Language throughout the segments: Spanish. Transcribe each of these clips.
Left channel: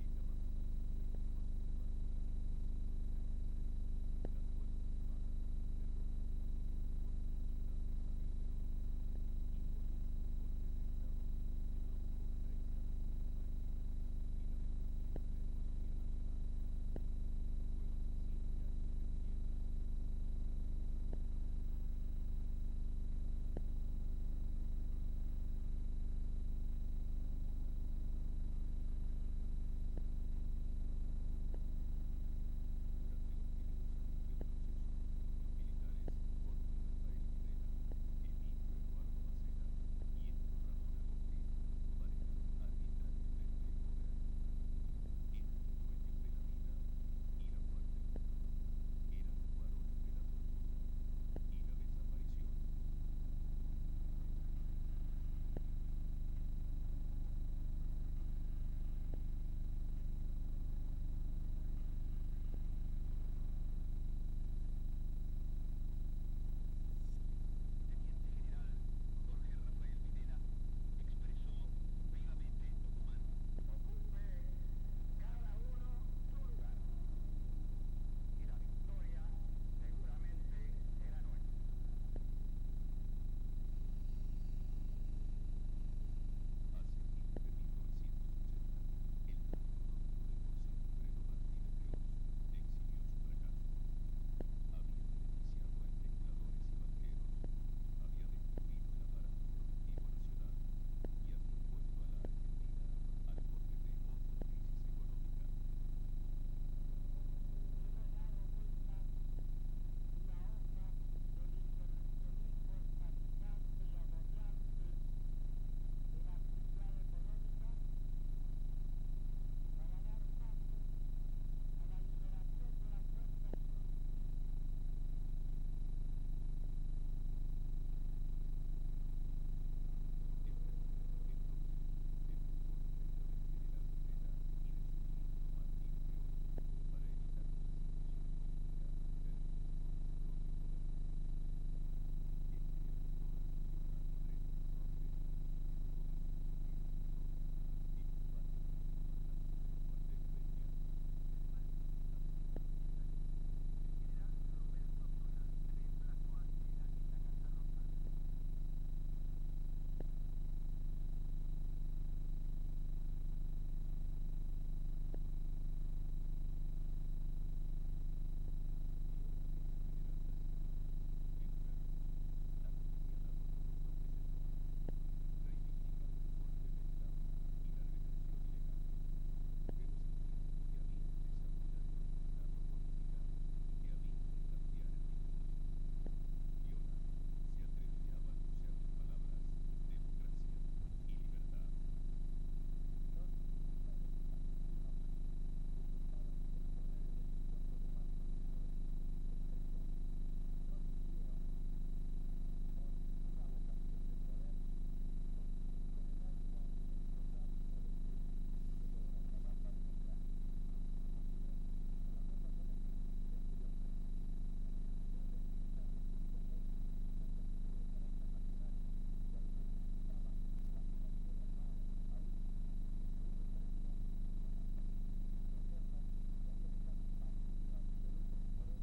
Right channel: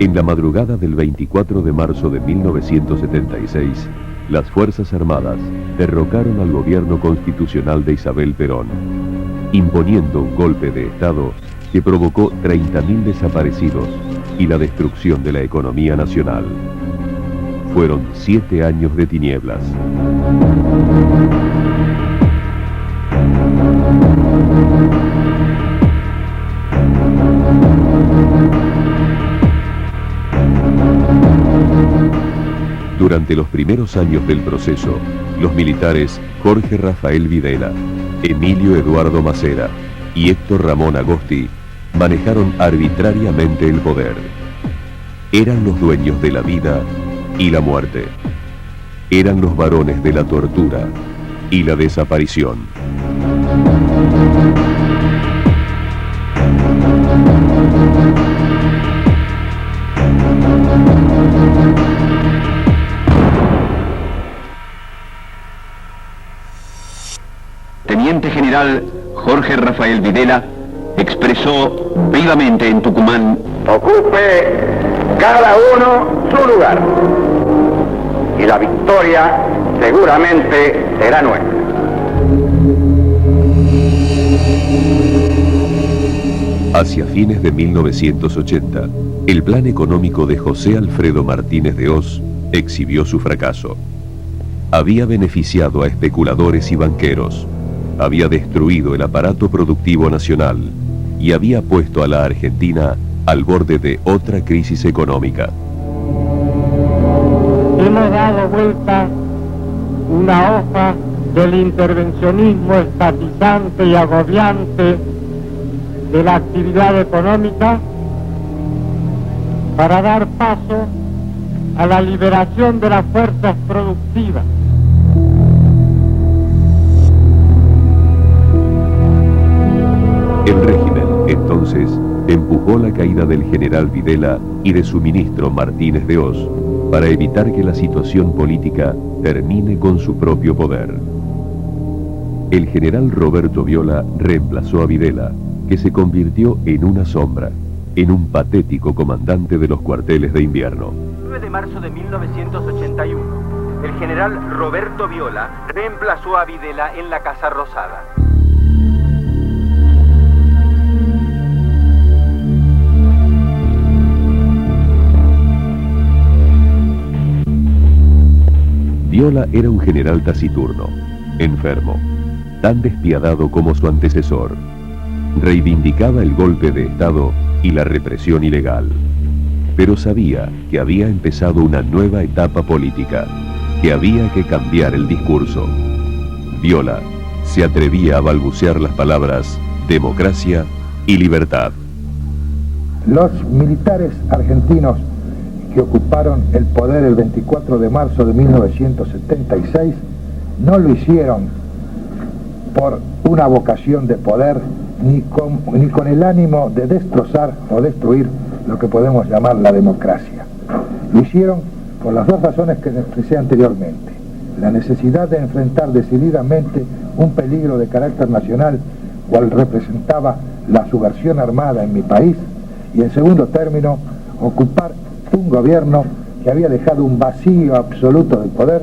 En la madrugada del 24 de marzo de 1976, las Fuerzas Armadas derrocaron al gobierno constitucional de Isabel Perón, imponiendo un golpe de Estado que provocó 30.000 desaparecidos y la destrucción de la economía nacional. Fueron 7 años de tinieblas. Durante los primeros años del proceso, los militares Jorge Rafael Videla, Emilio Eduardo Macera y Héctor Ramón Agosti manejaron arbitrariamente el poder. Eran los dueños de la vida y la muerte. Eran los varones de la tortura y la desaparición. Teniente General Jorge Rafael Videla expresó vivamente en Tucumán: ocupe cada uno su lugar y la victoria seguramente será nuestra. Hacia fines de 1980, el plan económico de José Alfredo Martínez de Hoz exhibió su fracaso. Había beneficiado a especuladores y banqueros, había destruido el aparato productivo nacional y había puesto a la Argentina al borde de otra crisis económica. Hemos dado vuelta una hoja del intervencionismo estatizante y agobiante de la actividad económica para dar paso a la liberación de las fuerzas productivas. El régimen, entonces, empujó la caída del general Videla y de su ministro Martínez de Hoz para evitar que la situación política termine con su propio poder. El general Roberto Viola reemplazó a Videla, que se convirtió en una sombra, en un patético comandante de los cuarteles de invierno. El 9 de marzo de 1981, el general Roberto Viola reemplazó a Videla en la Casa Rosada. Viola era un general taciturno, enfermo, tan despiadado como su antecesor. Reivindicaba el golpe de Estado y la represión ilegal, pero sabía que había empezado una nueva etapa política, que había que cambiar el discurso. Viola se atrevía a balbucear las palabras democracia y libertad. Los militares argentinos que ocuparon el poder el 24 de marzo de 1976 no lo hicieron por una vocación de poder ni con el ánimo de destrozar o destruir lo que podemos llamar la democracia. Lo hicieron por las dos razones que expresé anteriormente: la necesidad de enfrentar decididamente un peligro de carácter nacional cual representaba la subversión armada en mi país, y en segundo término ocupar un gobierno que había dejado un vacío absoluto de poder,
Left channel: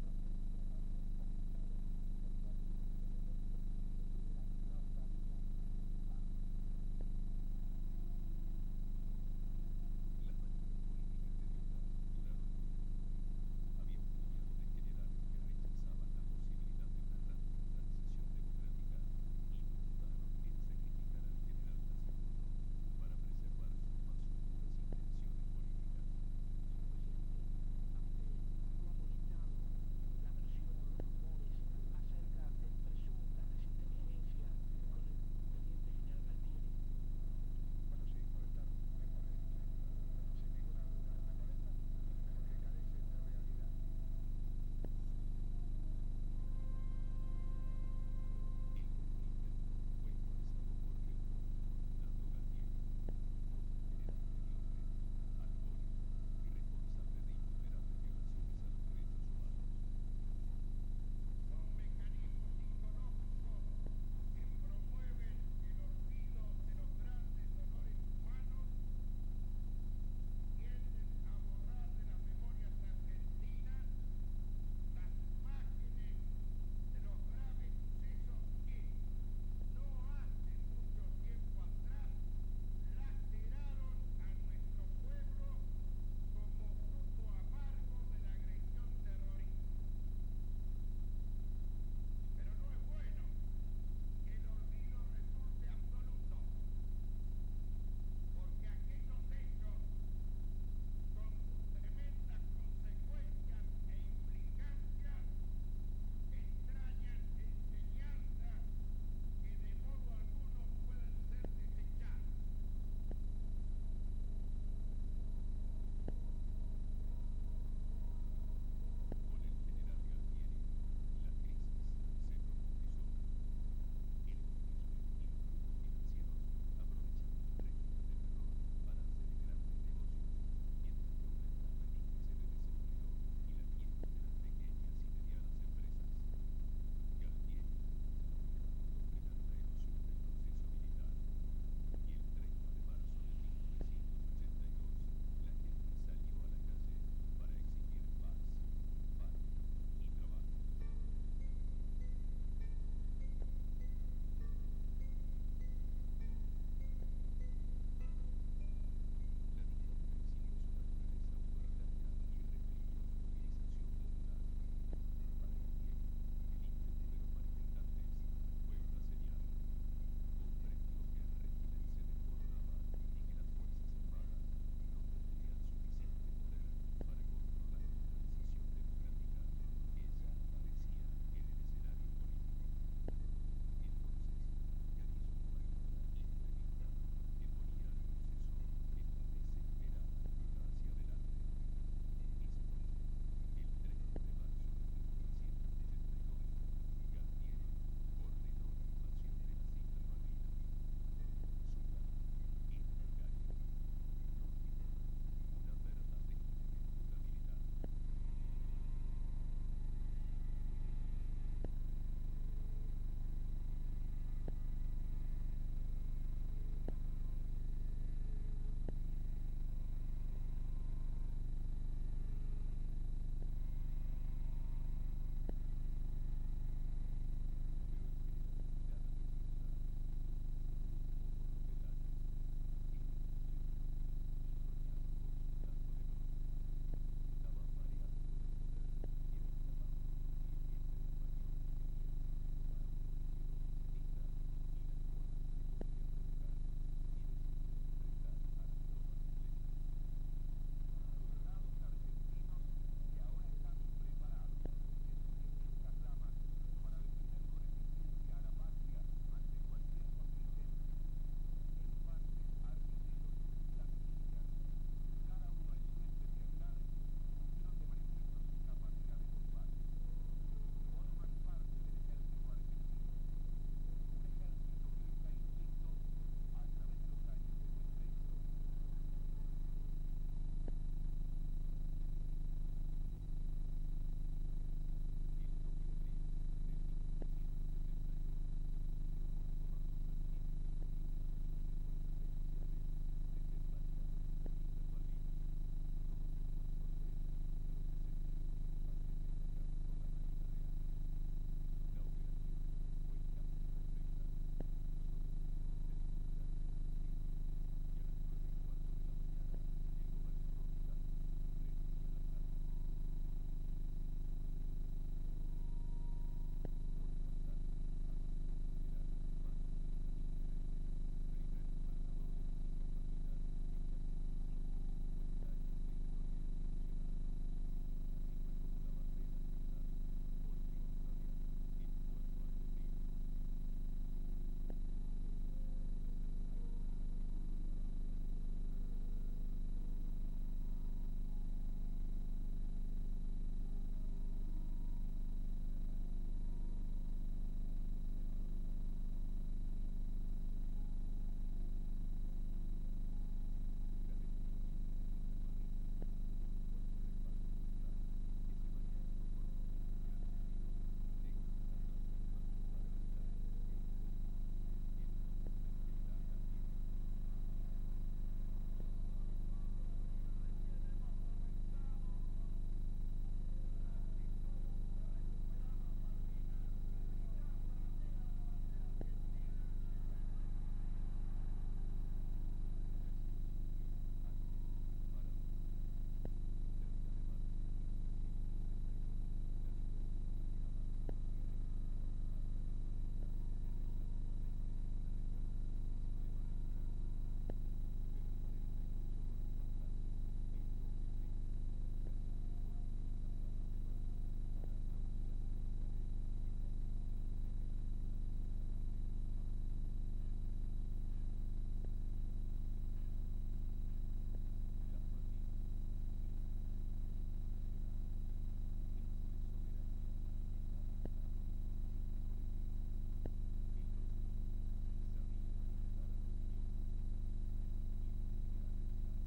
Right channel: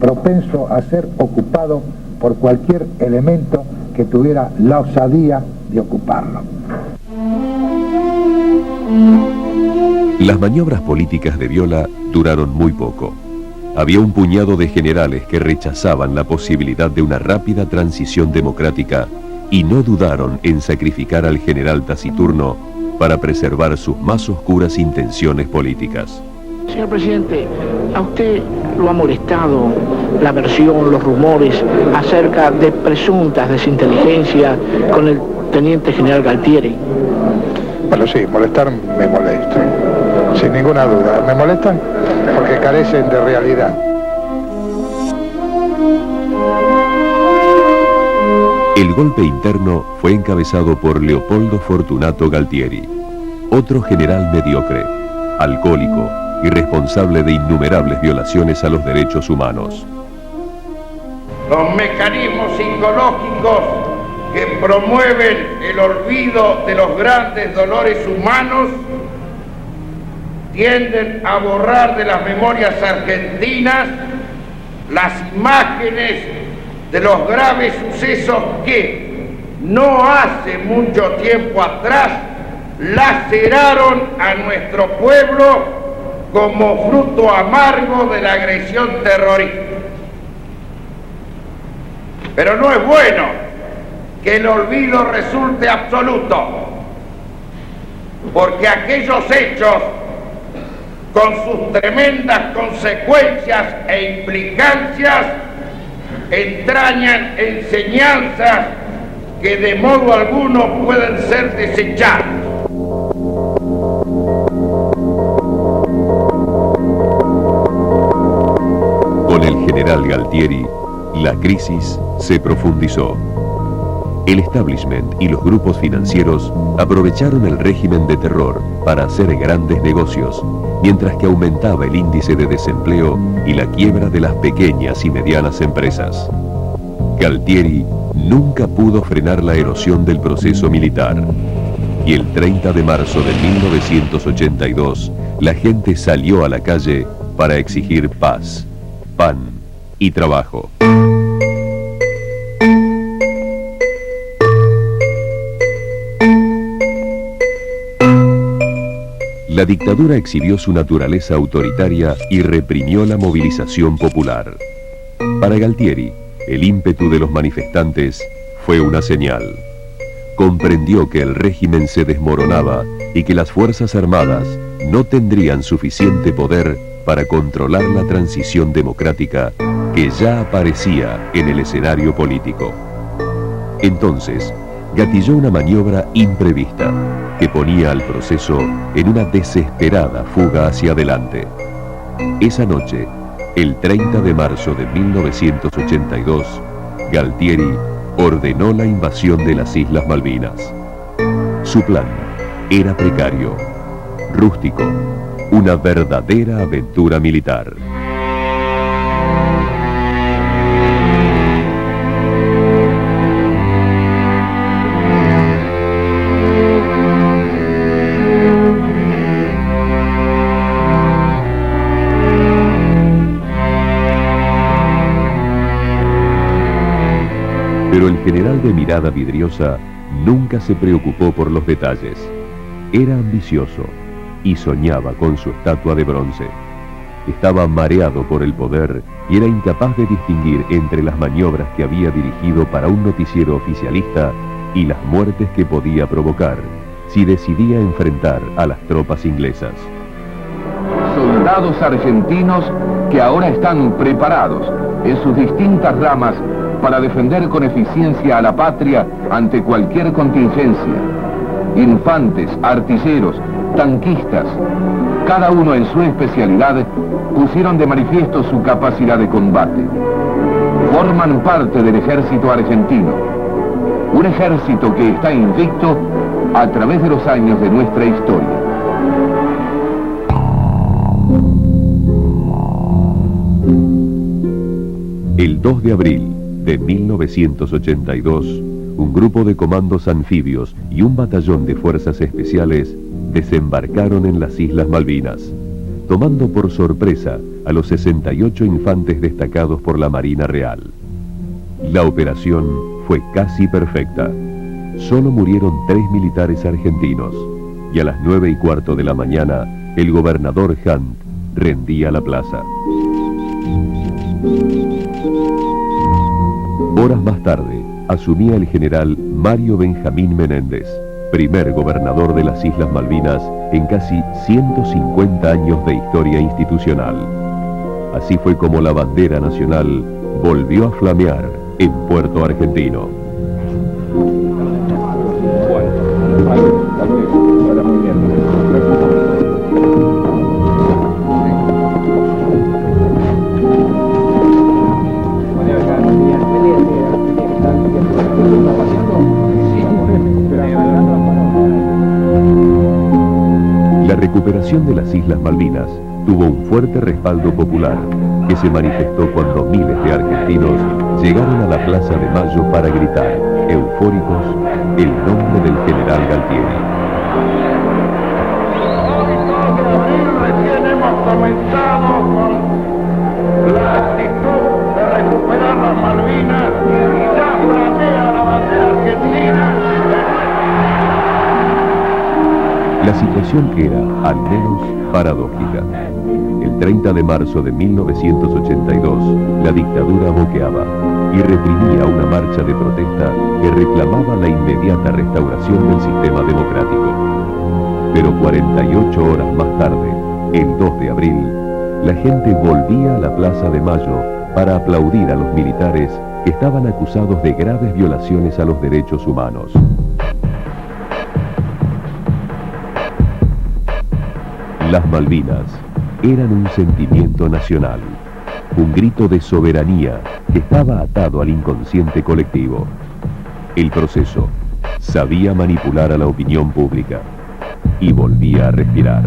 propenso a ser ocupado por cualquier elemento que tuviera la osadía de ocuparlo. Las maniobras políticas de Viola duraron muy poco. Había un puñado de generales que rechazaban la posibilidad de una rápida transición democrática y no dudaron en sacrificar al general taciturno para preservar sus más oscuras intenciones políticas. Señor presidente, ¿a usted lo ha molestado la versión, los rumores acerca de presuntas desinteligencias con el teniente general Galtieri? Bueno, sí, molestar me molestan, sin ninguna duda. Me molestan porque carecen de realidad. El golpe interno fue encabezado por Leopoldo Fortunato Galtieri, otro general mediocre, alcohólico y responsable de innumerables violaciones a los derechos humanos. Los mecanismos psicológicos que promueven el olvido de los grandes dolores humanos tienden a borrar de las memorias argentinas las imágenes de los graves sucesos que no hace mucho tiempo atrás laceraron a nuestro pueblo como fruto amargo de la agresión terrorista. Pero no es bueno que el olvido resulte absoluto, porque aquellos hechos, con sus tremendas consecuencias e implicancias, entrañan enseñanzas que de modo alguno pueden ser desechadas. Con el general Galtieri, la crisis se profundizó. El establishment y los grupos financieros aprovecharon el régimen de terror para hacer grandes negocios, mientras que aumentaba el índice de desempleo y la quiebra de las pequeñas y medianas empresas. Galtieri nunca pudo frenar la erosión del proceso militar. Y el 30 de marzo de 1982, la gente salió a la calle para exigir paz, pan y trabajo. La dictadura exhibió su naturaleza autoritaria y reprimió la movilización popular. Para Galtieri, el ímpetu de los manifestantes fue una señal. Comprendió que el régimen se desmoronaba y que las Fuerzas Armadas no tendrían suficiente poder para controlar la transición democrática que ya aparecía en el escenario político. Entonces, gatilló una maniobra imprevista que ponía al proceso en una desesperada fuga hacia adelante. Esa noche, el 30 de marzo de 1982, Galtieri ordenó la invasión de las Islas Malvinas. Su plan era precario, rústico, una verdadera aventura militar. Pero el general de mirada vidriosa nunca se preocupó por los detalles. Era ambicioso y soñaba con su estatua de bronce. Estaba mareado por el poder y era incapaz de distinguir entre las maniobras que había dirigido para un noticiero oficialista y las muertes que podía provocar si decidía enfrentar a las tropas inglesas. Soldados argentinos que ahora están preparados en sus distintas ramas para defender con eficiencia a la patria ante cualquier contingencia. Infantes, artilleros, tanquistas, cada uno en su especialidad, pusieron de manifiesto su capacidad de combate. Forman parte del ejército argentino, un ejército que está invicto a través de los años de nuestra historia. El 2 de abril de 1982, un grupo de comandos anfibios y un batallón de fuerzas especiales desembarcaron en las Islas Malvinas, tomando por sorpresa a los 68 infantes destacados por la Marina Real. La operación fue casi perfecta. Solo murieron 3 militares argentinos, y a las 9:15 de la mañana, el gobernador Hunt rendía la plaza. Horas más tarde, asumía el general Mario Benjamín Menéndez, primer gobernador de las Islas Malvinas en casi 150 años de historia institucional. Así fue como la bandera nacional volvió a flamear en Puerto Argentino. La recuperación invasión de las Islas Malvinas tuvo un fuerte respaldo popular que se manifestó cuando miles de argentinos llegaron a la Plaza de Mayo para gritar, eufóricos, el nombre del general Galtieri. Recién hemos comenzado con la actitud de recuperar las Malvinas y ya flamea la bandera argentina. La situación era, al menos, paradójica. El 30 de marzo de 1982, la dictadura boqueaba y reprimía una marcha de protesta que reclamaba la inmediata restauración del sistema democrático. Pero 48 horas más tarde, el 2 de abril, la gente volvía a la Plaza de Mayo para aplaudir a los militares que estaban acusados de graves violaciones a los derechos humanos. Las Malvinas eran un sentimiento nacional, un grito de soberanía que estaba atado al inconsciente colectivo. El proceso sabía manipular a la opinión pública y volvía a respirar.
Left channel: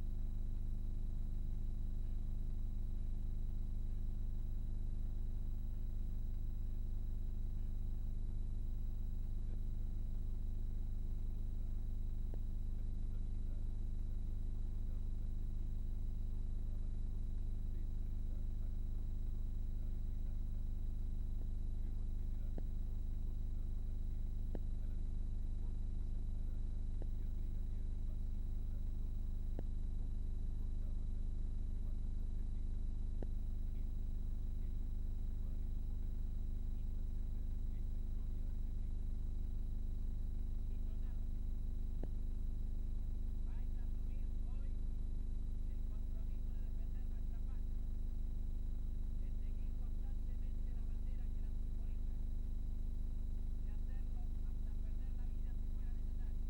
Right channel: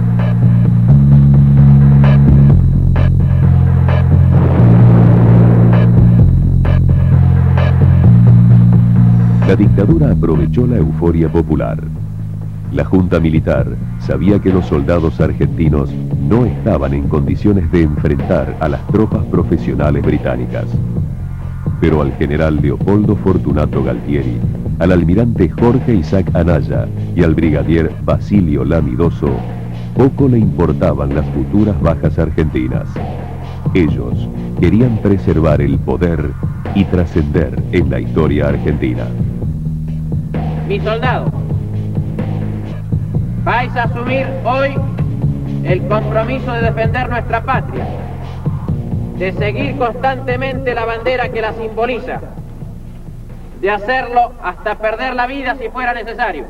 La dictadura aprovechó la euforia popular. La junta militar sabía que los soldados argentinos no estaban en condiciones de enfrentar a las tropas profesionales británicas. Pero al general Leopoldo Fortunato Galtieri, al almirante Jorge Isaac Anaya y al brigadier Basilio Lamidoso, poco le importaban las futuras bajas argentinas. Ellos querían preservar el poder y trascender en la historia argentina. Mis soldados, vais a asumir hoy el compromiso de defender nuestra patria, de seguir constantemente la bandera que la simboliza, de hacerlo hasta perder la vida si fuera necesario.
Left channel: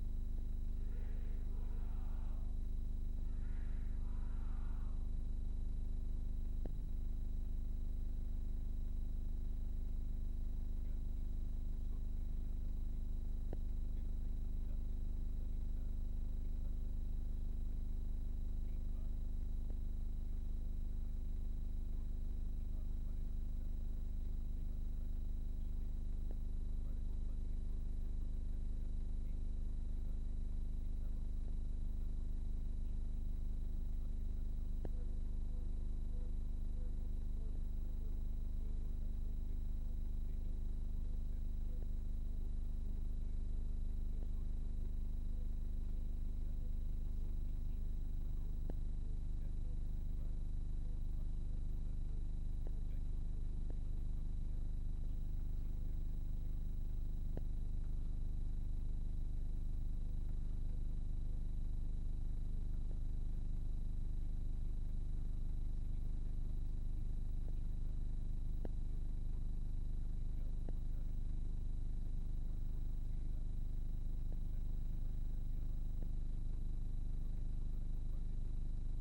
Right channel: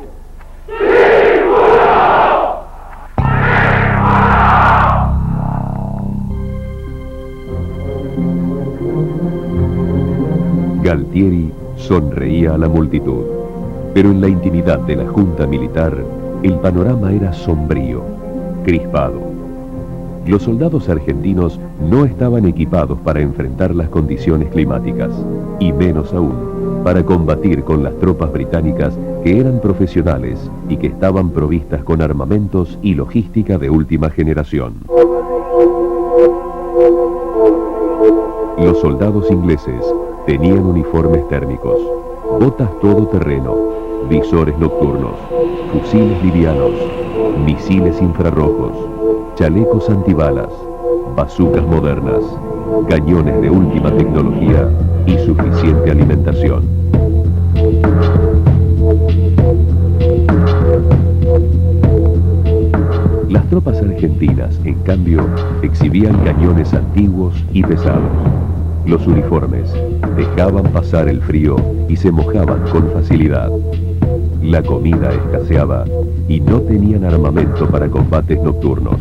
Galtieri sonreía a la multitud, pero en la intimidad de la junta militar, el panorama era sombrío, crispado. Los soldados argentinos no estaban equipados para enfrentar las condiciones climáticas, y menos aún, para combatir con las tropas británicas que eran profesionales y que estaban provistas con armamentos y logística de última generación. Los soldados ingleses tenían uniformes térmicos, botas todoterreno, visores nocturnos, fusiles livianos, misiles infrarrojos, chalecos antibalas, bazucas modernas, cañones de última tecnología y suficiente alimentación. Las tropas argentinas, en cambio, exhibían cañones antiguos y pesados. Los uniformes dejaban pasar el frío y se mojaban con facilidad. La comida escaseaba y no tenían armamento para combates nocturnos.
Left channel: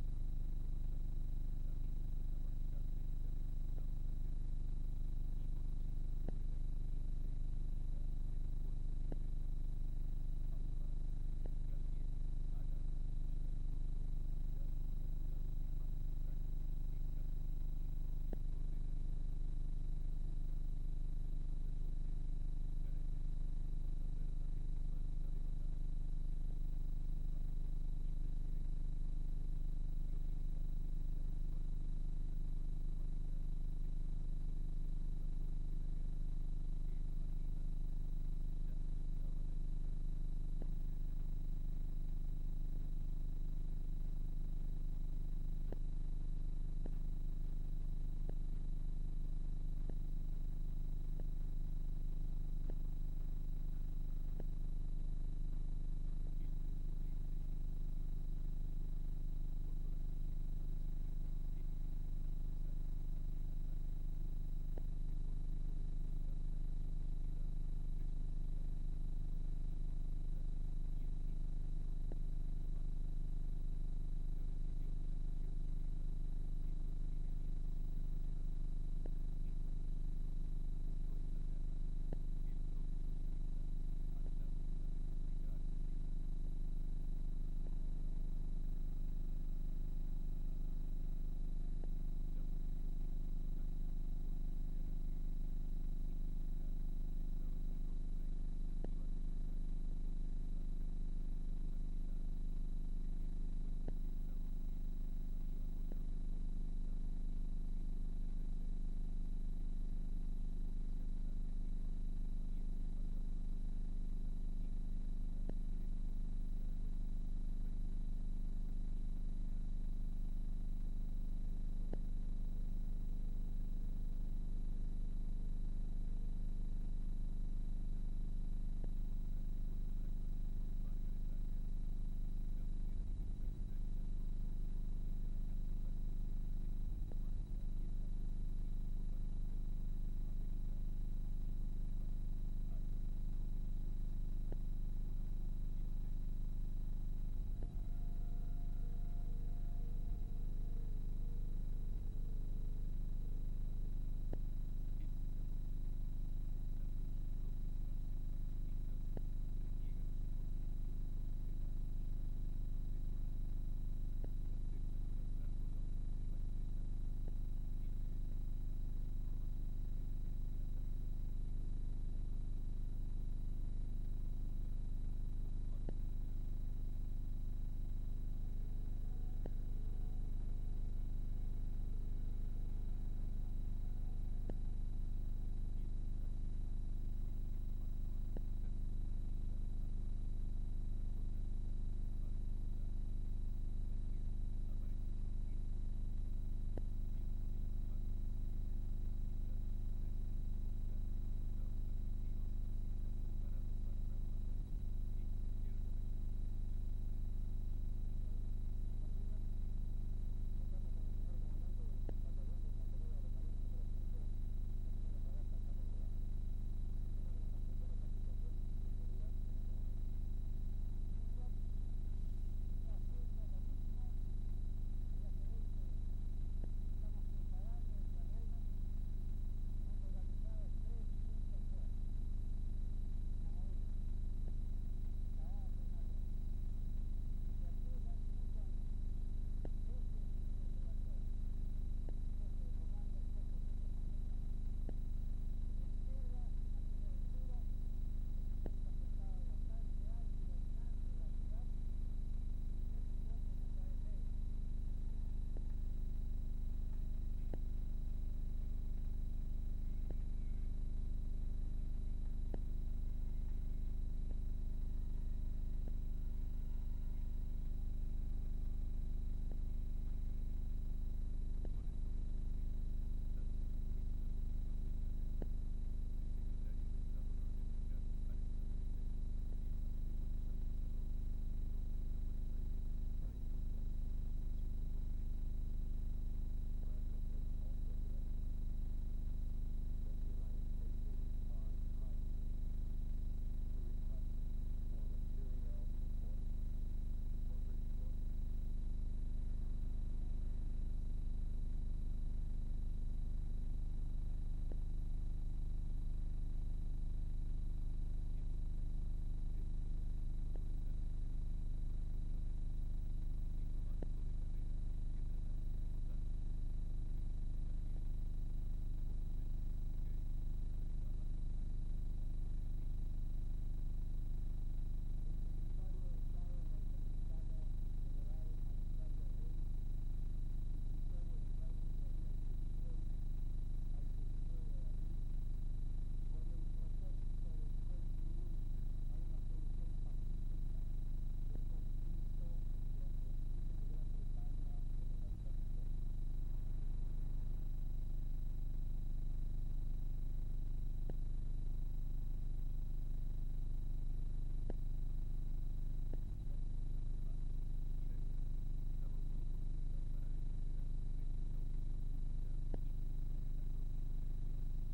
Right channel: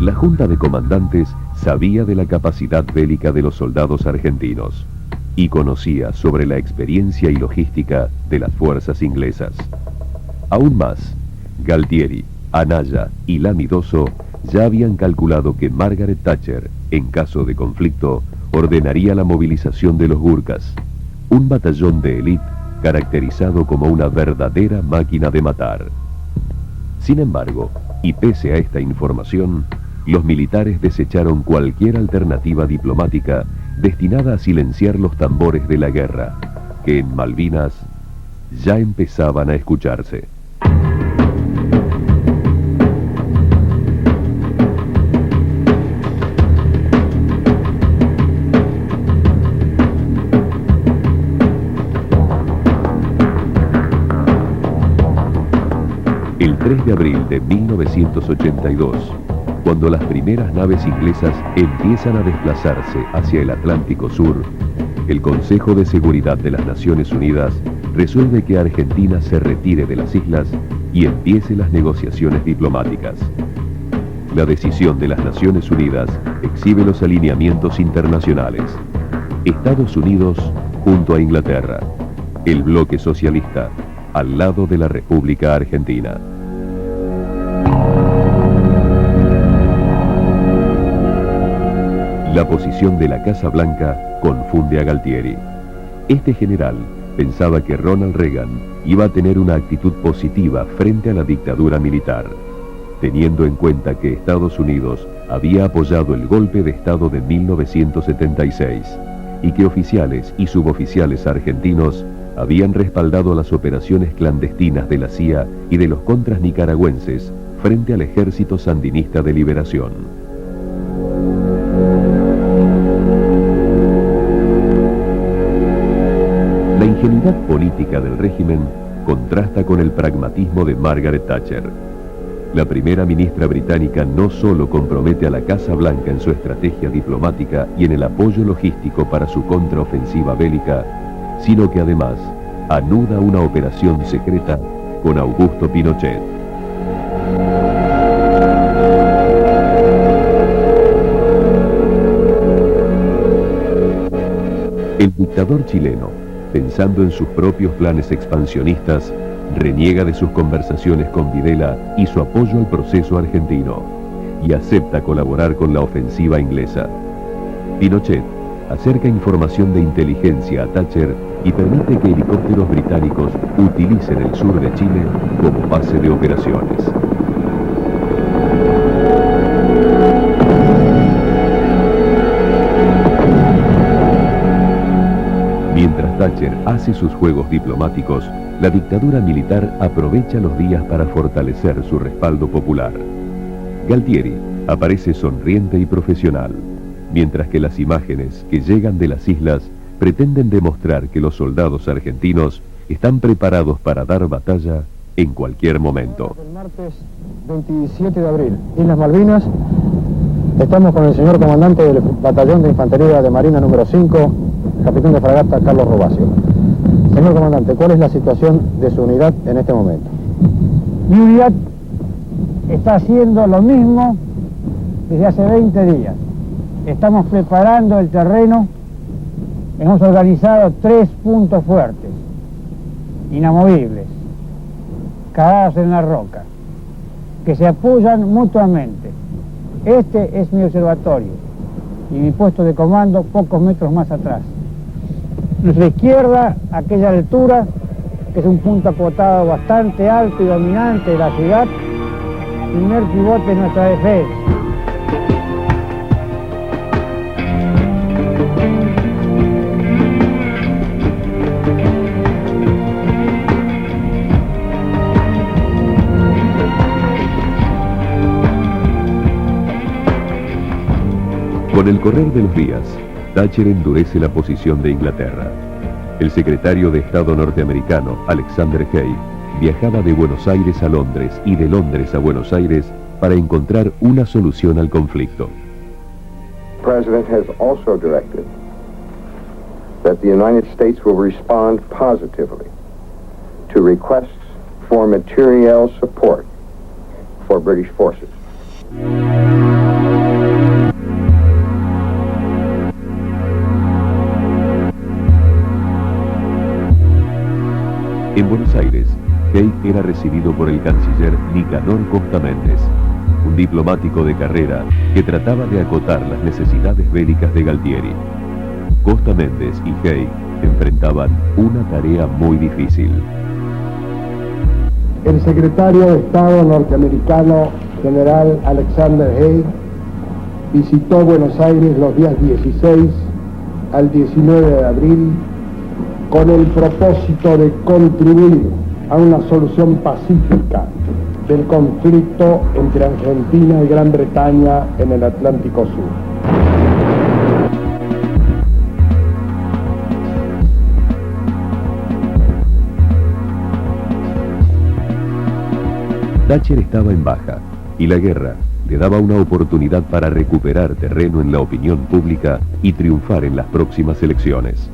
La Junta de Comandantes sabía de la capacidad bélica de los soldados argentinos y conocía sobre la experiencia y logística de las fuerzas inglesas. Aún más, Galtieri, Anaya y Lamidoso ya habían calculado que Margaret Thatcher, en caso de conflicto, ordenaría la movilización de los Gurkhas, un batallón de élite caracterizado como una verdadera máquina de matar. Sin embargo, y pese a esta información, los militares desecharon cualquier alternativa diplomática destinada a silenciar los tambores de la guerra, que en Malvinas ya empezaban a escucharse. El 3 de abril de 1982, cuando las primeras naves inglesas empiezan a desplazarse hacia el Atlántico Sur, el Consejo de Seguridad de las Naciones Unidas resuelve que Argentina se retire de las islas y empiece las negociaciones diplomáticas. La decisión de las Naciones Unidas exhibe los alineamientos internacionales. Estados Unidos junto a Inglaterra, el bloque socialista al lado de la República Argentina. La posición de la Casa Blanca confunde a Galtieri. Este general pensaba que Ronald Reagan iba a tener una actitud positiva frente a la dictadura militar, teniendo en cuenta que Estados Unidos había apoyado el golpe de Estado de 1976 y que oficiales y suboficiales argentinos habían respaldado las operaciones clandestinas de la CIA y de los contras nicaragüenses frente al Ejército Sandinista de Liberación. La ingenuidad política del régimen contrasta con el pragmatismo de Margaret Thatcher. La primera ministra británica no solo compromete a la Casa Blanca en su estrategia diplomática y en el apoyo logístico para su contraofensiva bélica, sino que además anuda una operación secreta con Augusto Pinochet. El dictador chileno, pensando en sus propios planes expansionistas, reniega de sus conversaciones con Videla y su apoyo al proceso argentino, y acepta colaborar con la ofensiva inglesa. Pinochet acerca información de inteligencia a Thatcher y permite que helicópteros británicos utilicen el sur de Chile como base de operaciones. Mientras Thatcher hace sus juegos diplomáticos, la dictadura militar aprovecha los días para fortalecer su respaldo popular. Galtieri aparece sonriente y profesional, mientras que las imágenes que llegan de las islas pretenden demostrar que los soldados argentinos están preparados para dar batalla en cualquier momento. El martes 27 de abril, Islas Malvinas, estamos con el señor comandante del Batallón de Infantería de Marina número 5, capitán de fragata Carlos Robacio. Señor comandante, ¿cuál es la situación de su unidad en este momento? Mi unidad está haciendo lo mismo desde hace 20 días. Estamos preparando el terreno, hemos organizado 3 puntos fuertes, inamovibles, cavados en la roca, que se apoyan mutuamente. Este es mi observatorio y mi puesto de comando pocos metros más atrás. Nuestra izquierda, aquella altura, que es un punto acotado bastante alto y dominante de la ciudad, primer pivote de nuestra defensa. Con el correr de los días, Thatcher endurece la posición de Inglaterra. El secretario de Estado norteamericano, Alexander Haig, viajaba de Buenos Aires a Londres y de Londres a Buenos Aires para encontrar una solución al conflicto. The President has also directed that the United States will respond positively to requests for materiel support for British forces. En Buenos Aires, Haig era recibido por el canciller Nicanor Costa Méndez, un diplomático de carrera que trataba de acotar las necesidades bélicas de Galtieri. Costa Méndez y Haig enfrentaban una tarea muy difícil. El secretario de Estado norteamericano, general Alexander Haig, visitó Buenos Aires los días 16 al 19 de abril con el propósito de contribuir a una solución pacífica del conflicto entre Argentina y Gran Bretaña en el Atlántico Sur. Thatcher estaba en baja y la guerra le daba una oportunidad para recuperar terreno en la opinión pública y triunfar en las próximas elecciones.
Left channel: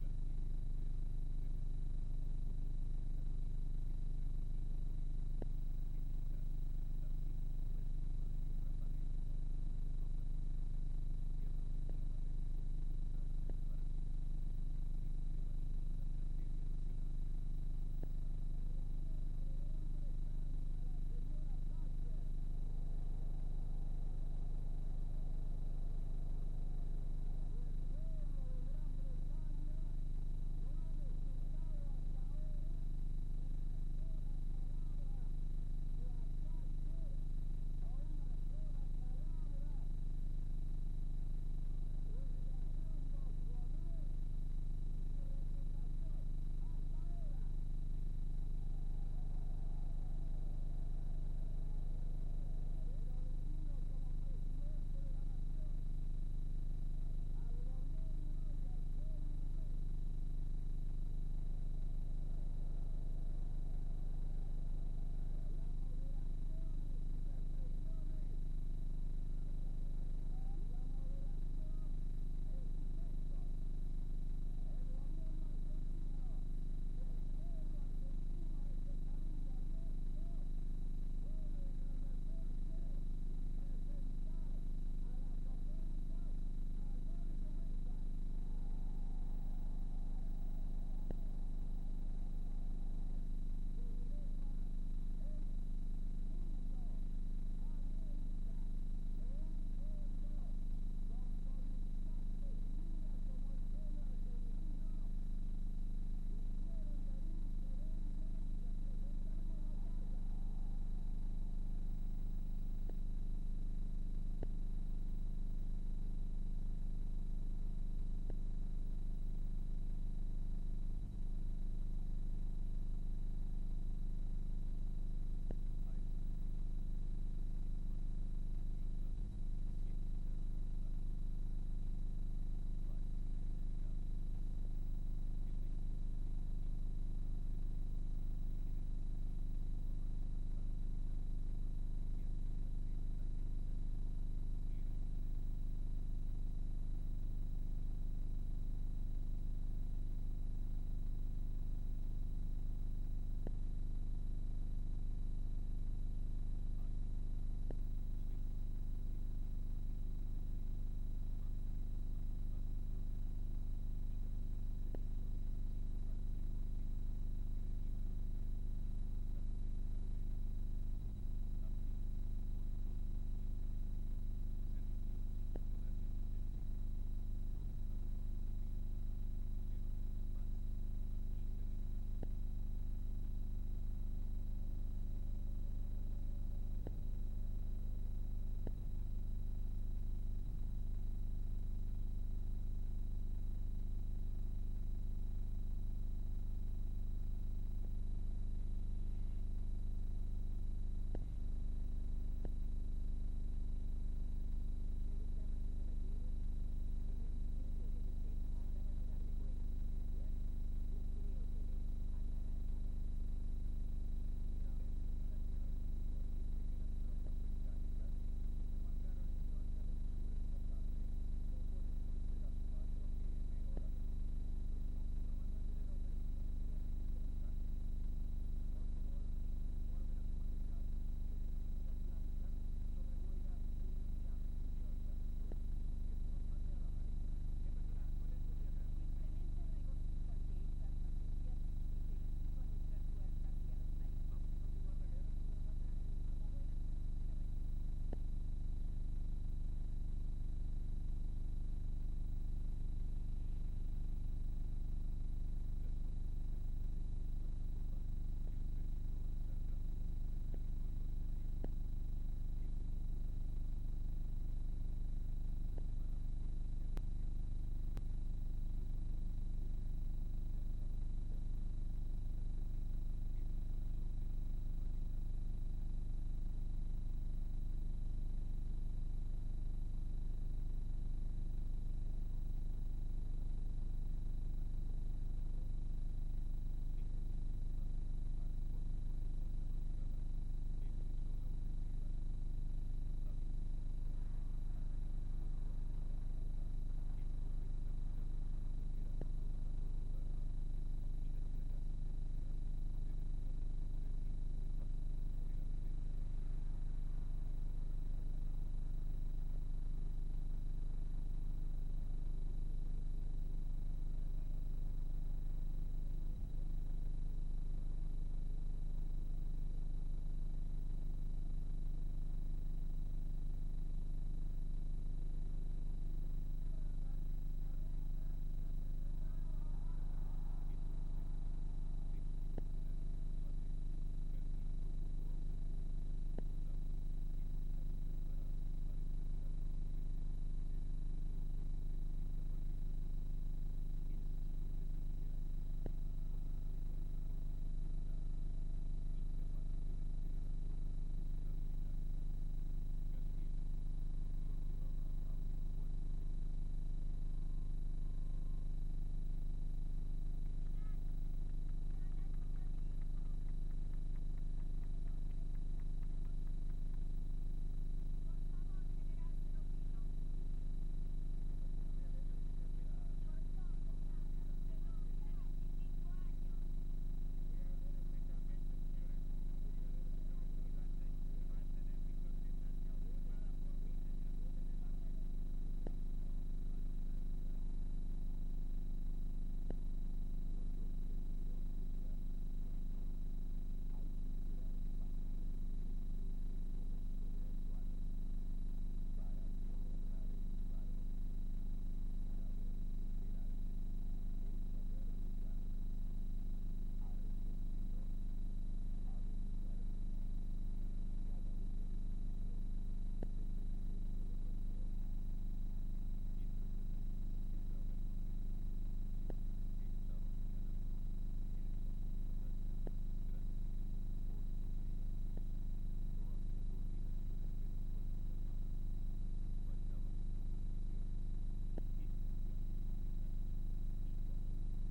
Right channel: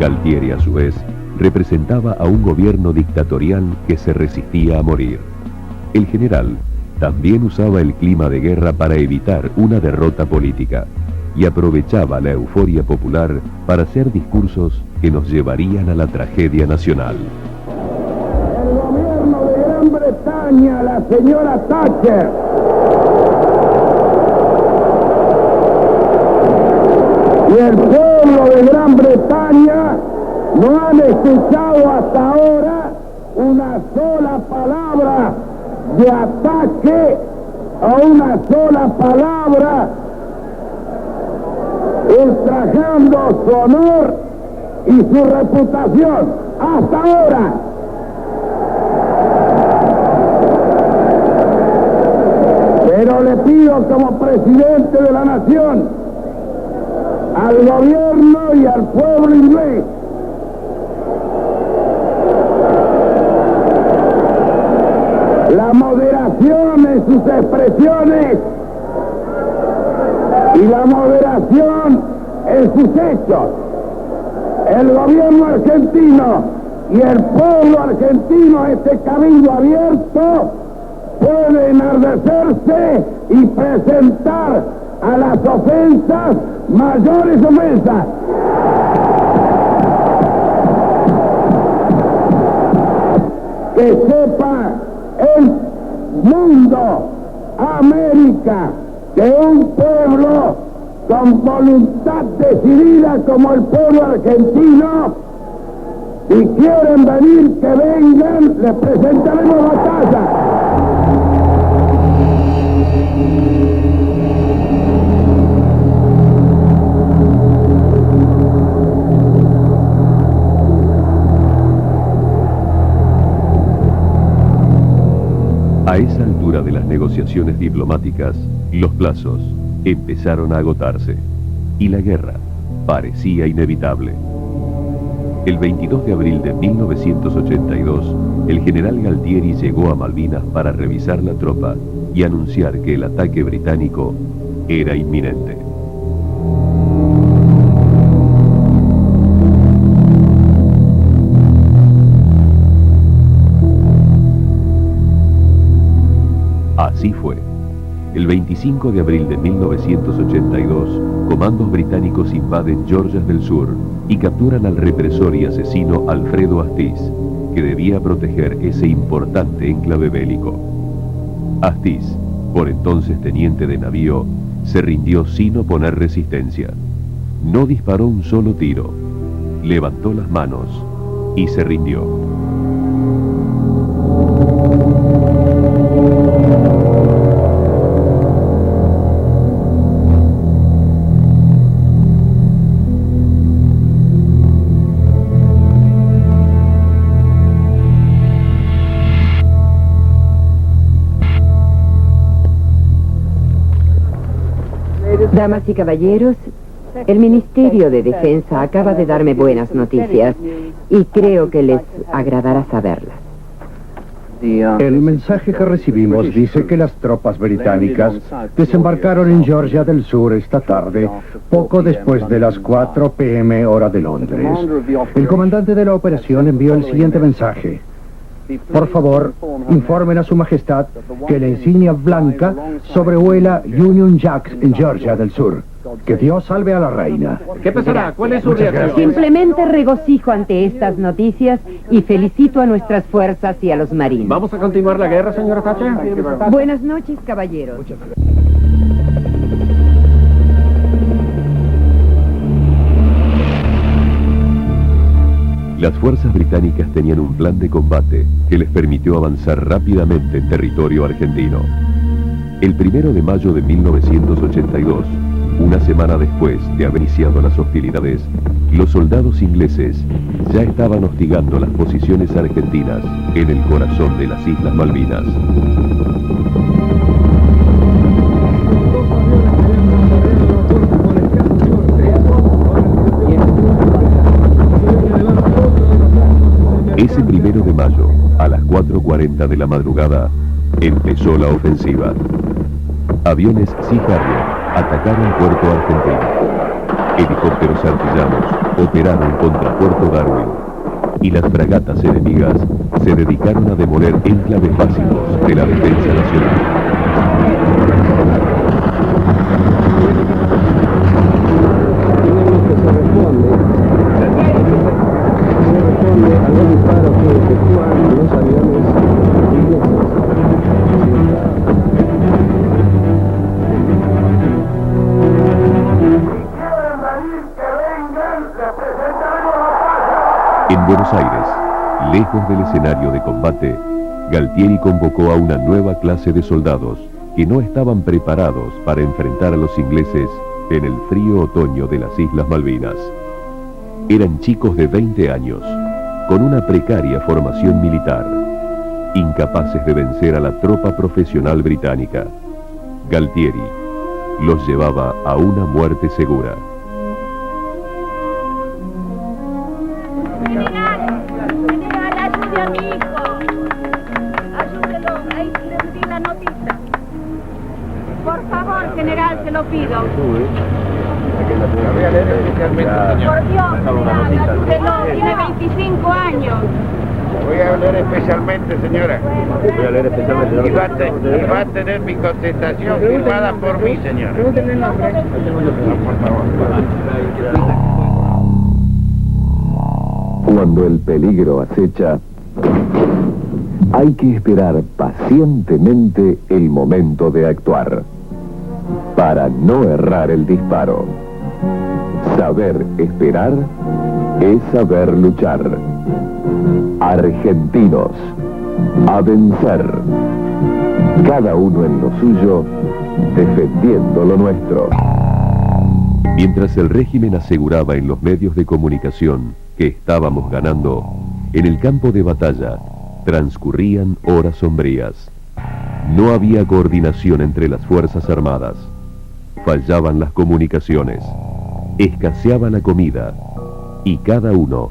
Galtieri, a su vez, representaba a un gobierno dictatorial que se resistía a morir. El general también usaba el clima de guerra para evitar una derrota política y aprovechaba la euforia popular para hacer discursos que nos llevarían a la tragedia nacional. El gobierno de Gran Bretaña, la señora Thatcher, y el pueblo de Gran Bretaña no han escuchado hasta ahora una sola palabra de ataque o una sola palabra ultrajando su honor y su reputación. Hasta ahora. Pero le pido como presidente de la nación al gobierno y al pueblo inglés la moderación en sus expresiones y la moderación en sus hechos. El gobierno argentino y el pueblo argentino, este cabildo abierto, puede enardecerse y presentar a las ofensas mayores ofensas. Que sepa el mundo, América, que un pueblo con voluntad decidida como el pueblo argentino, si quieren venir, que vengan, les presentaremos batalla. A esa altura de las negociaciones diplomáticas, los plazos empezaron a agotarse y la guerra parecía inevitable. El 22 de abril de 1982, el general Galtieri llegó a Malvinas para revisar la tropa y anunciar que el ataque británico era inminente. Así fue. El 25 de abril de 1982, comandos británicos invaden Georgias del Sur y capturan al represor y asesino Alfredo Astiz, que debía proteger ese importante enclave bélico. Astiz, por entonces teniente de navío, se rindió sin oponer resistencia. No disparó un solo tiro, levantó las manos y se rindió. Damas y caballeros, el Ministerio de Defensa acaba de darme buenas noticias y creo que les agradará saberlas. El mensaje que recibimos dice que las tropas británicas desembarcaron en Georgia del Sur esta tarde, poco después de las 4 p.m. hora de Londres. El comandante de la operación envió el siguiente mensaje. Por favor, informen a su majestad que la insignia blanca sobrevuela Union Jack en Georgia del Sur. Que Dios salve a la reina. ¿Qué pasará? ¿Cuál es su reacción? Simplemente regocijo ante estas noticias y felicito a nuestras fuerzas y a los marines. ¿Vamos a continuar la guerra, señora Thatcher? Buenas noches, caballeros. Las fuerzas británicas tenían un plan de combate que les permitió avanzar rápidamente en territorio argentino. El 1 de mayo de 1982, una semana después de haber iniciado las hostilidades, los soldados ingleses ya estaban hostigando las posiciones argentinas en el corazón de las Islas Malvinas. Ese 1 de mayo, a las 4:40 de la madrugada, empezó la ofensiva. Aviones Sea Harrier atacaron Puerto Argentino. Helicópteros artillanos operaron contra Puerto Darwin y las fragatas enemigas se dedicaron a demoler enclaves básicos de la defensa nacional. En Buenos Aires, lejos del escenario de combate, Galtieri convocó a una nueva clase de soldados que no estaban preparados para enfrentar a los ingleses en el frío otoño de las Islas Malvinas. Eran chicos de 20 años, con una precaria formación militar, incapaces de vencer a la tropa profesional británica. Galtieri los llevaba a una muerte segura. Ayude a mi hijo. Ayúdelo, ahí le di la notita. Por favor, general, se lo pido. Por Dios, ayúdelo, tiene 25 años. Voy a leer especialmente, señora. Voy a leer especialmente, señora. Y va a tener mi contestación firmada por mí, señora. Pregúntenle el nombre. Por favor. Cuando el peligro acecha, hay que esperar pacientemente el momento de actuar, para no errar el disparo. Saber esperar es saber luchar. Argentinos, a vencer. Cada uno en lo suyo, defendiendo lo nuestro. Mientras el régimen aseguraba en los medios de comunicación que estábamos ganando, en el campo de batalla transcurrían horas sombrías. No había coordinación entre las Fuerzas Armadas. Fallaban las comunicaciones. Escaseaba la comida. Y cada uno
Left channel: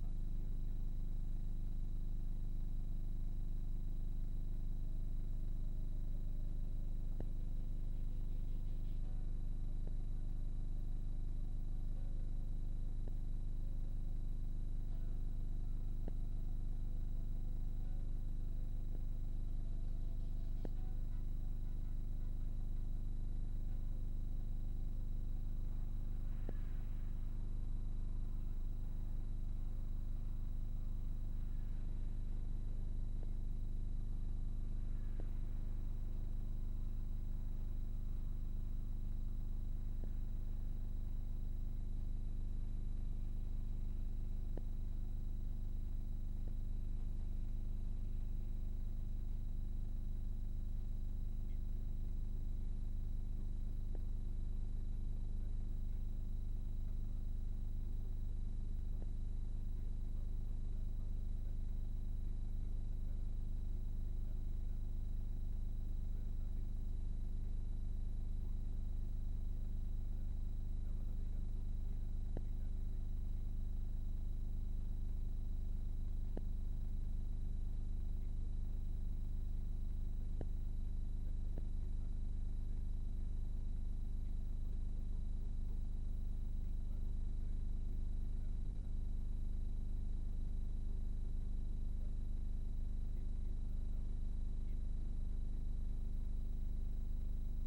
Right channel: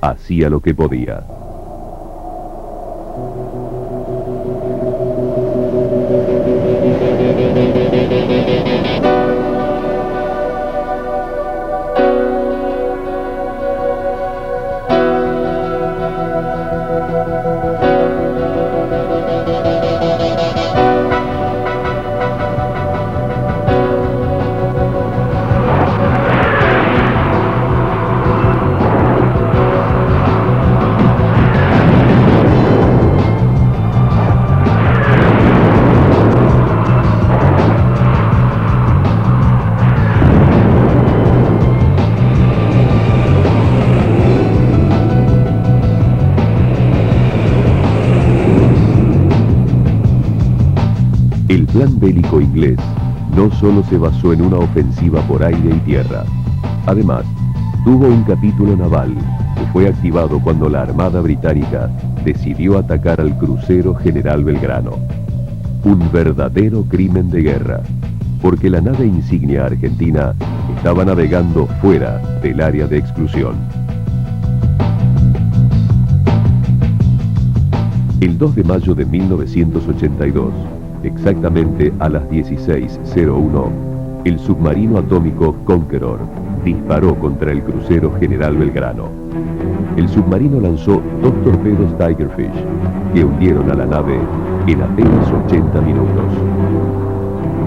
hacía lo que podía. El plan bélico inglés no solo se basó en una ofensiva por aire y tierra. Además, tuvo un capítulo naval que fue activado cuando la Armada Británica decidió atacar al crucero General Belgrano. Un verdadero crimen de guerra, porque la nave insignia argentina estaba navegando fuera del área de exclusión. El 2 de mayo de 1982, exactamente a las 16:01, el submarino atómico Conqueror disparó contra el crucero General Belgrano. El submarino lanzó 2 torpedos Tigerfish que hundieron a la nave en apenas 80 minutos.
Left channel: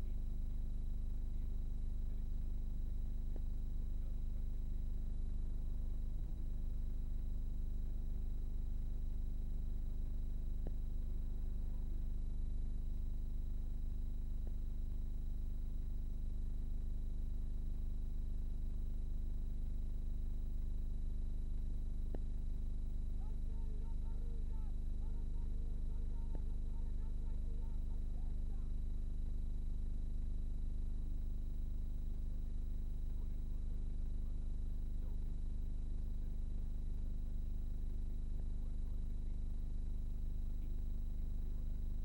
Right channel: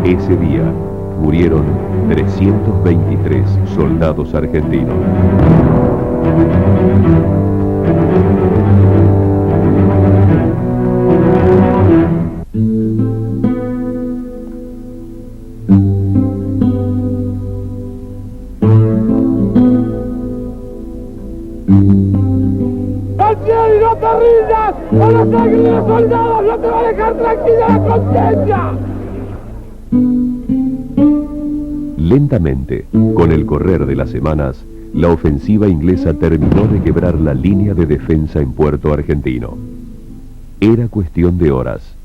Ese día murieron 323 soldados argentinos. ¡Galtieri, no te rindas! ¡O la sangre de los soldados no te va a dejar tranquila la conciencia! Lentamente, con el correr de las semanas, la ofensiva inglesa terminó de quebrar la línea de defensa en Puerto Argentino. Era cuestión de horas,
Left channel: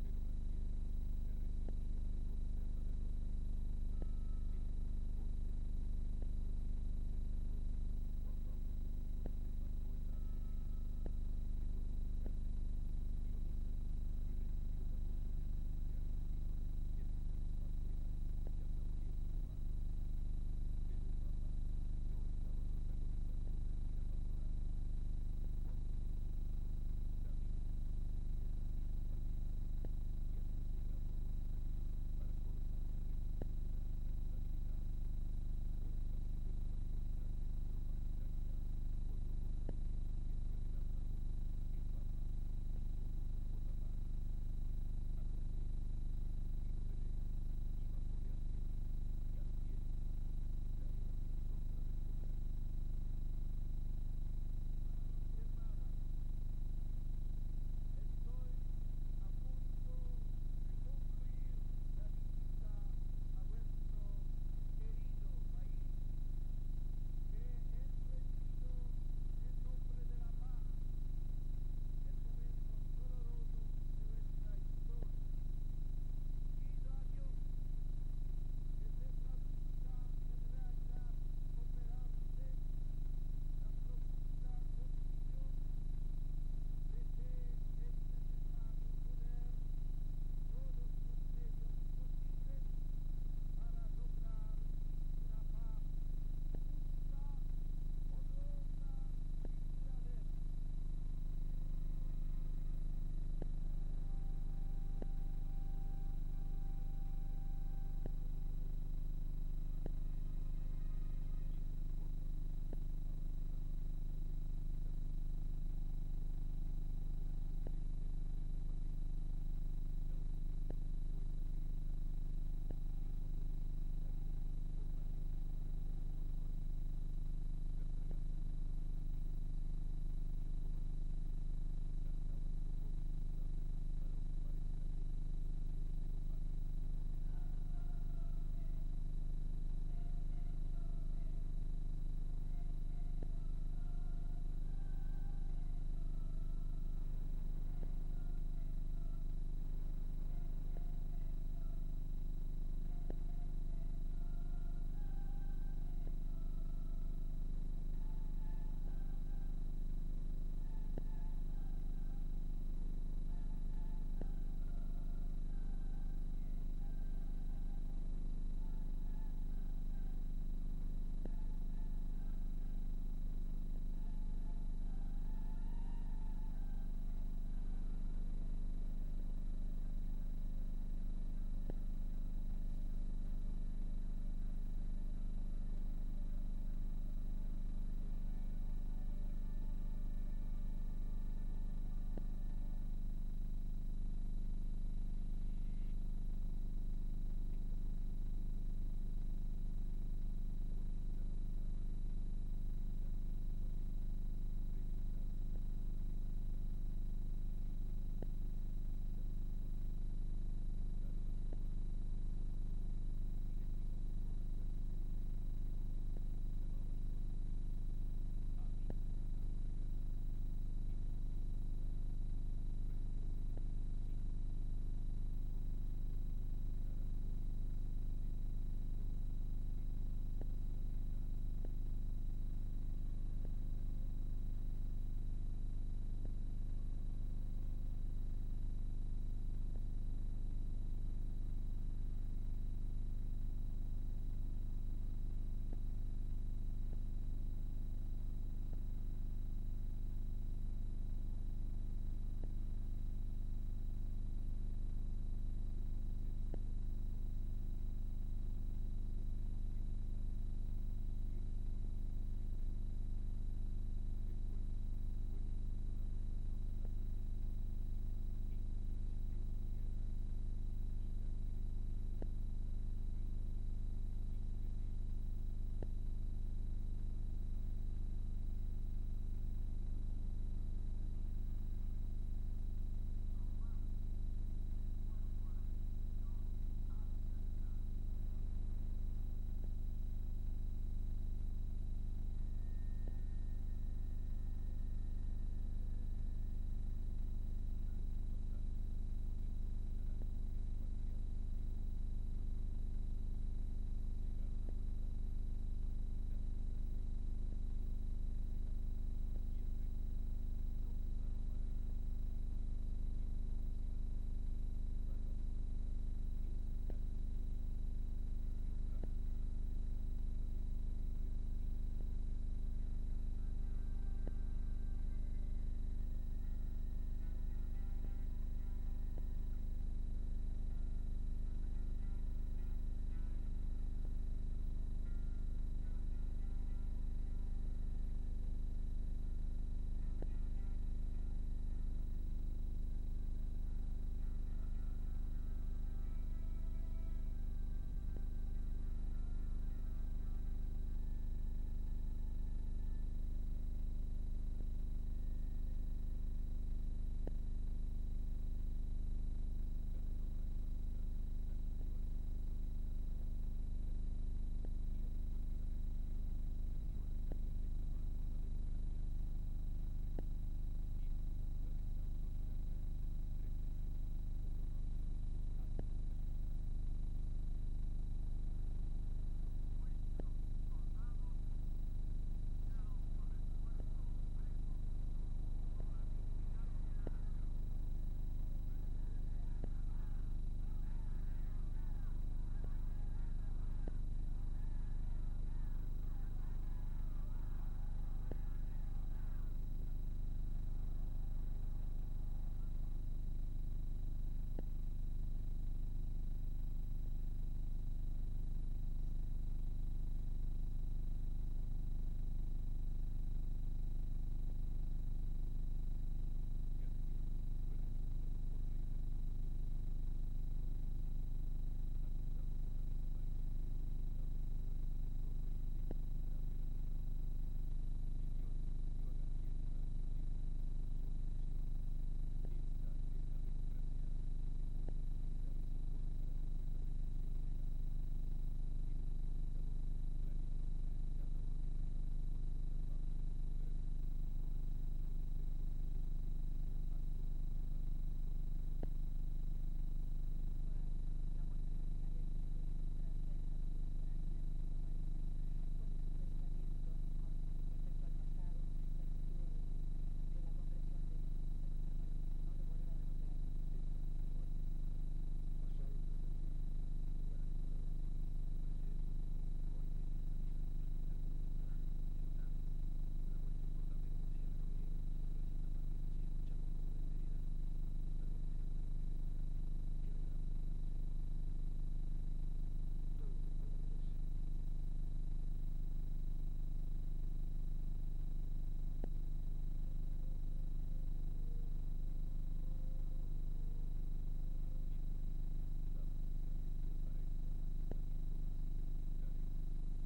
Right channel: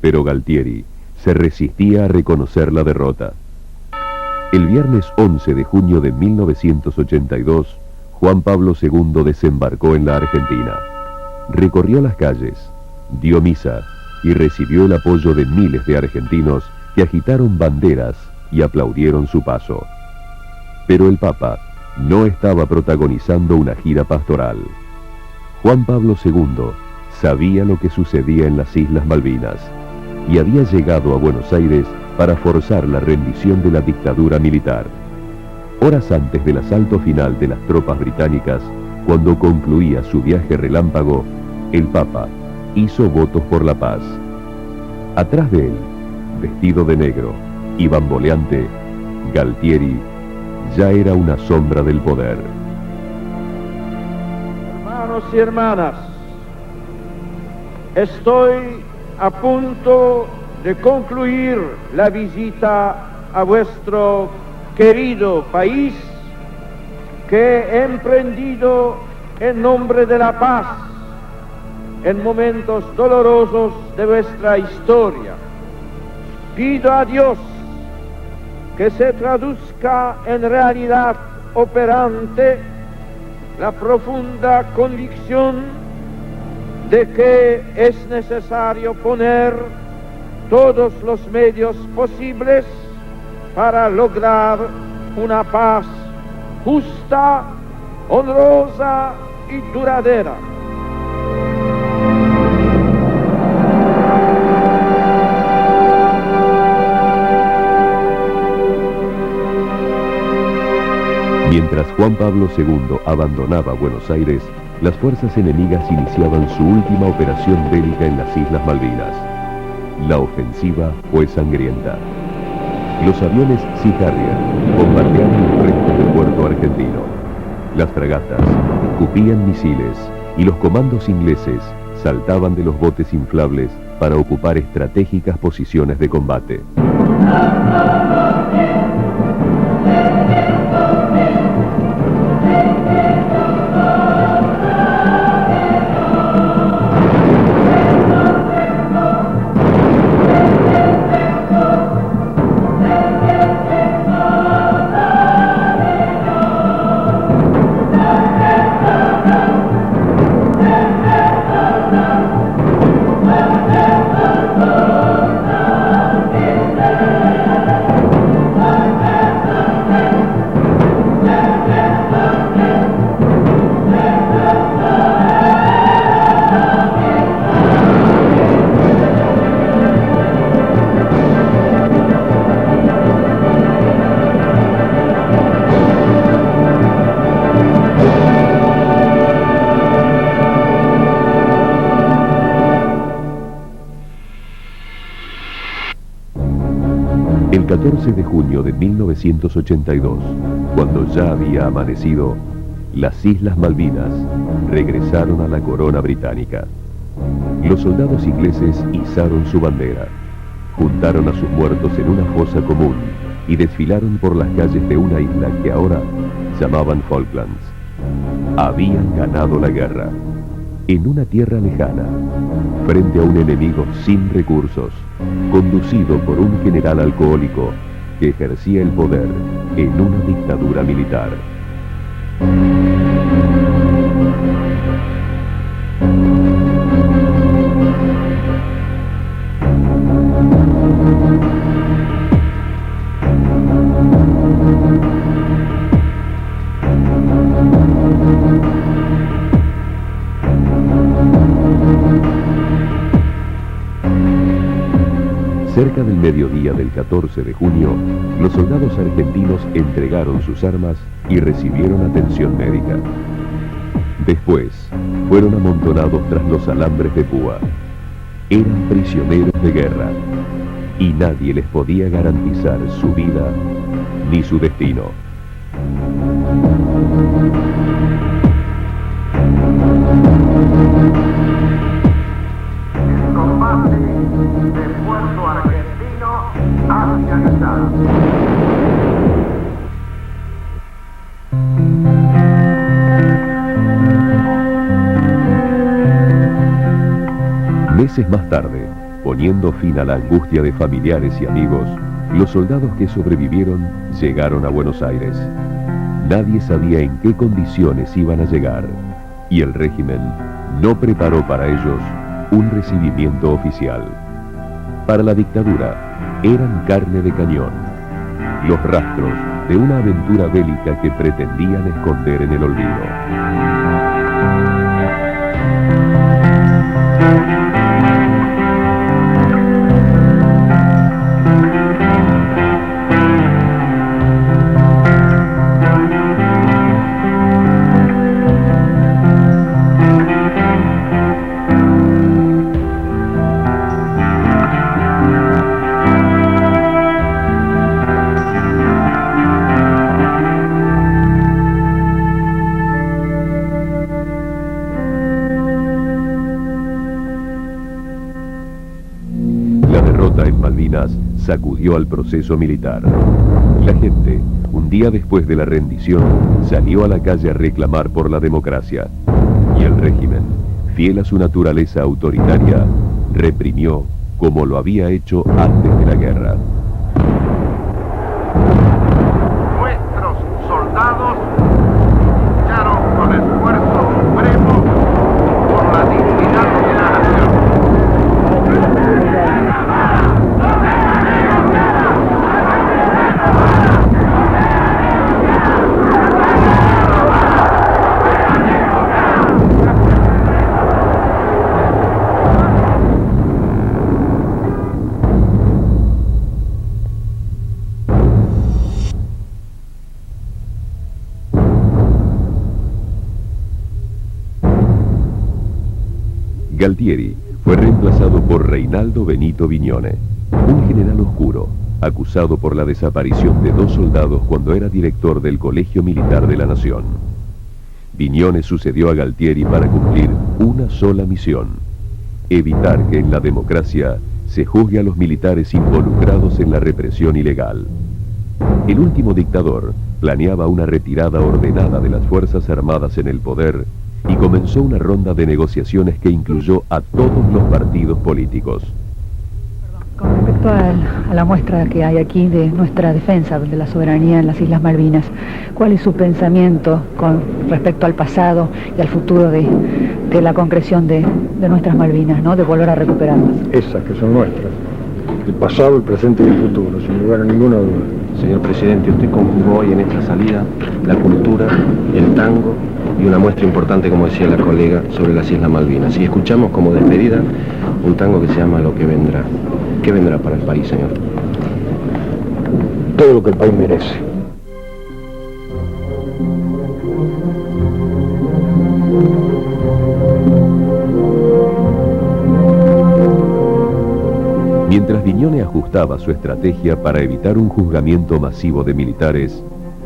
pero Galtieri se resistía a reconocer la derrota. El viernes 11 de junio de 1982, Juan Pablo II desembarcó en la Argentina. Recorrió las calles, dio misa y recibió el apoyo de miles de argentinos que agitaron banderas y aplaudieron su paso. Pero el Papa no estaba protagonizando una gira pastoral. Juan Pablo II sabía lo que sucedía en las Islas Malvinas y había llegado a Buenos Aires para forzar la rendición de la dictadura militar. Horas antes del asalto final de las tropas británicas, cuando concluía su viaje relámpago, el Papa hizo votos por la paz. Atrás de él, vestido de negro y bamboleante, Galtieri ya era una sombra del poder. Hermanos y hermanas, estoy a punto de concluir la visita a vuestro querido país que he emprendido en nombre de la paz en momentos dolorosos de vuestra historia. Pido a Dios que se traduzca en realidad operante la profunda convicción de que es necesario poner todos los medios posibles para lograr una paz justa, honrosa y duradera. Mientras Juan Pablo II abandonaba Buenos Aires, las fuerzas enemigas iniciaban su última operación bélica en las Islas Malvinas. La ofensiva fue sangrienta. Los aviones Sea Harrier bombardeaban el resto del puerto argentino. Las fragatas escupían misiles y los comandos ingleses saltaban de los botes inflables para ocupar estratégicas posiciones de combate. El 14 de junio de 1982, cuando ya había amanecido, las Islas Malvinas regresaron a la corona británica. Los soldados ingleses izaron su bandera, juntaron a sus muertos en una fosa común y desfilaron por las calles de una isla que ahora llamaban Falklands. Habían ganado la guerra, en una tierra lejana, frente a un enemigo sin recursos, conducido por un general alcohólico que ejercía el poder en una dictadura militar. Cerca del mediodía del 14 de junio, los soldados argentinos entregaron sus armas y recibieron atención médica. Después, fueron amontonados tras los alambres de púa. Eran prisioneros de guerra y nadie les podía garantizar su vida ni su destino. El combate del puerto argentino ha finalizado. Meses más tarde, poniendo fin a la angustia de familiares y amigos, los soldados que sobrevivieron llegaron a Buenos Aires. Nadie sabía en qué condiciones iban a llegar, y el régimen no preparó para ellos un recibimiento oficial. Para la dictadura, eran carne de cañón. Los rastros de una aventura bélica que pretendían esconder en el olvido. Sacudió al proceso militar. La gente, un día después de la rendición, salió a la calle a reclamar por la democracia. Y el régimen, fiel a su naturaleza autoritaria, reprimió como lo había hecho antes de la guerra. Nuestros soldados lucharon con esfuerzo supremo por la dignidad de la nación. Galtieri fue reemplazado por Reinaldo Benito Viñone, un general oscuro, acusado por la desaparición de 2 soldados cuando era director del Colegio Militar de la Nación. Viñone sucedió a Galtieri para cumplir una sola misión: evitar que en la democracia se juzgue a los militares involucrados en la represión ilegal. El último dictador planeaba una retirada ordenada de las Fuerzas Armadas en el poder y comenzó una ronda de negociaciones que incluyó a todos los partidos políticos. Con respecto a la muestra que hay aquí de nuestra defensa de la soberanía en las Islas Malvinas, ¿cuál es su pensamiento con respecto al pasado y al futuro de la concreción de nuestras Malvinas, ¿no? De volver a recuperarlas? Esas que son nuestras, el pasado, el presente y el futuro, sin lugar a ninguna duda. Señor presidente, usted conjugó hoy en esta salida la cultura, el tango y una muestra importante, como decía la colega, sobre las Islas Malvinas. Y escuchamos como despedida un tango que se llama Lo que vendrá. ¿Qué vendrá para el país, señor? Todo lo que el país merece. Mientras Viñone ajustaba su estrategia para evitar un juzgamiento masivo de militares,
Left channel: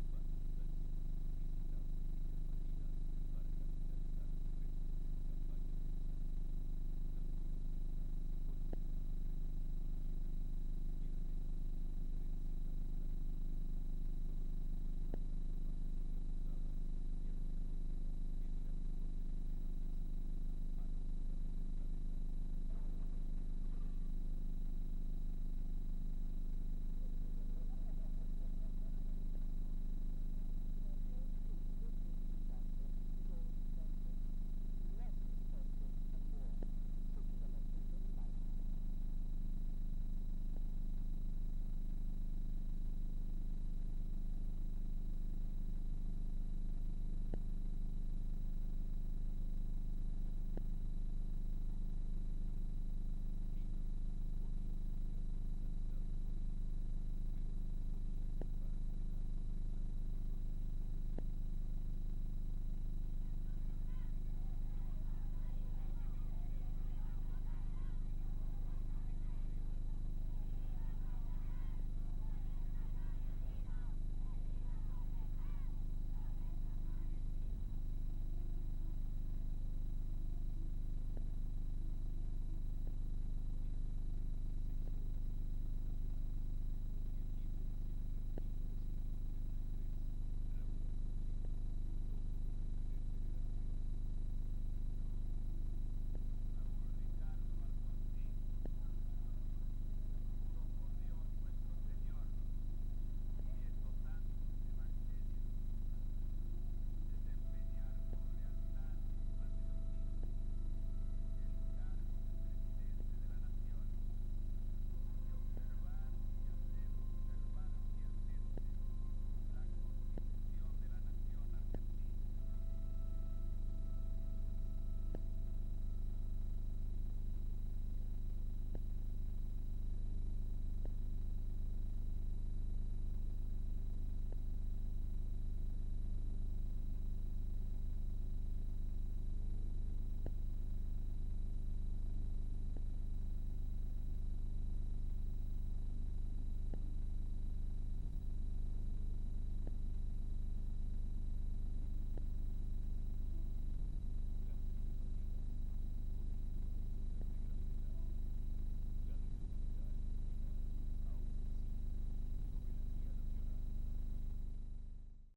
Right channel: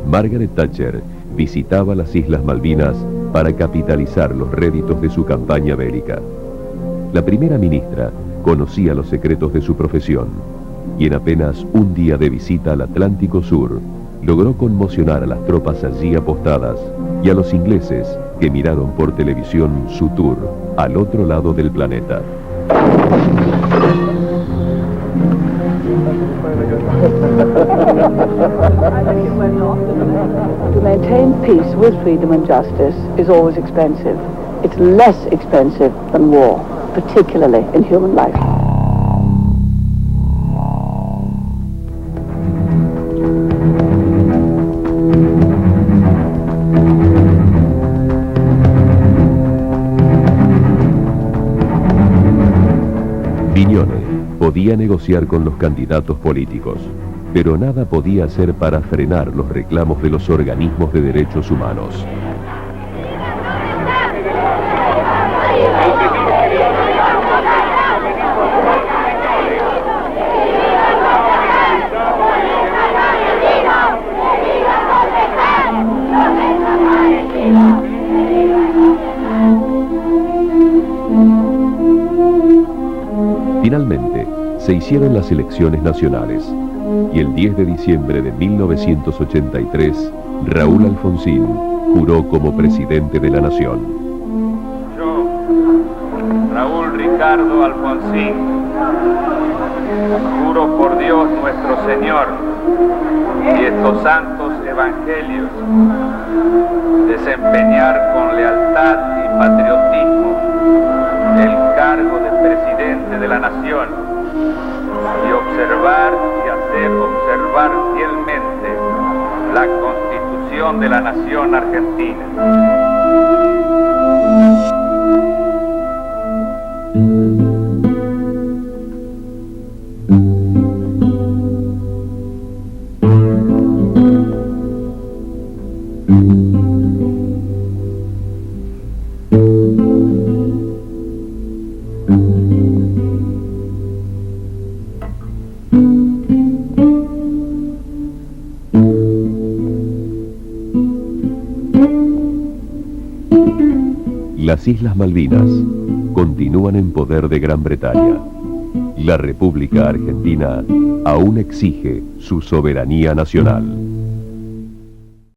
Margaret Thatcher visitaba las Islas Malvinas para capitalizar los réditos de su campaña bélica. La primera ministra conocía los secretos de su profesión y en apenas un día de visita al Atlántico Sur logró conmocionar a las tropas allí apostadas y a los ingleses que miraron por televisión su tour al otro lado del planeta. To maintain peace with freedom and justice is always expensive. It's less expensive than war, particularly in human life. Viñone podía negociar con los candidatos políticos, pero nada podía hacer para frenar los reclamos de los organismos de derechos humanos. Finalmente, se hicieron las elecciones nacionales y el 10 de diciembre de 1983, Raúl Alfonsín juró como presidente de la nación. Yo, Raúl Ricardo Alfonsín, juro por Dios nuestro Señor y estos santos evangelios, desempeñar con lealtad y patriotismo el cargo de presidente de la nación y observar y hacer observar fielmente la Constitución de la Nación Argentina. Las Islas Malvinas continúan en poder de Gran Bretaña. La República Argentina aún exige su soberanía nacional.